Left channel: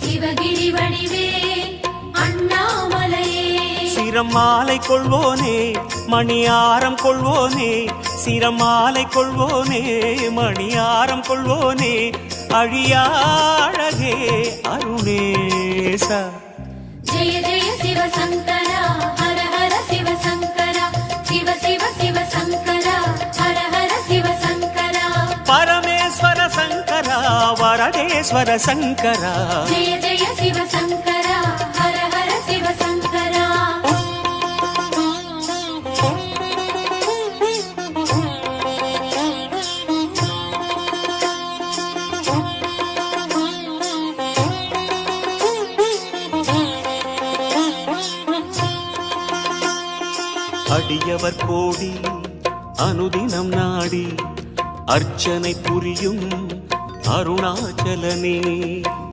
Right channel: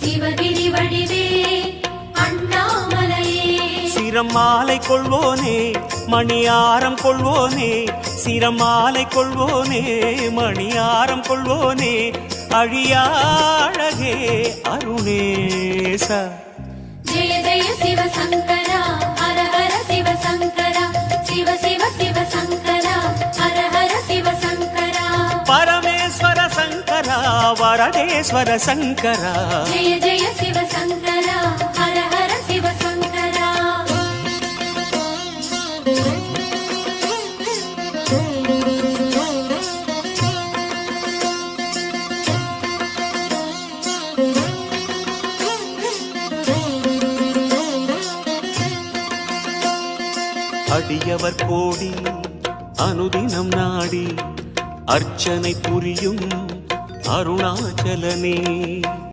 சிவகிரி வடிவே அண்ணாமலையே சிரமாலை கொள்வோனே மணியாரம் கொள்வோனே சிரமாலை கொள்வோனே மணியாரம் கொள்வோனே அழியாழகே அருணேச ஜெய ஜெய சிவசங்கரா ஹர ஹர சிவசங்கரா சிவ சிவ சிவசங்கரா ஹர ஹர சிவசங்கரா பரமேஸ்வர சங்கரா வரதேஸ்வர சங்கரா ஜெய ஜெய சிவசங்கரா ஹர ஹர சிவசங்கரா அடியவர் கோடி அனுதினம் நாடி அர்ச்சனை புரியும் அருணாச்சலனே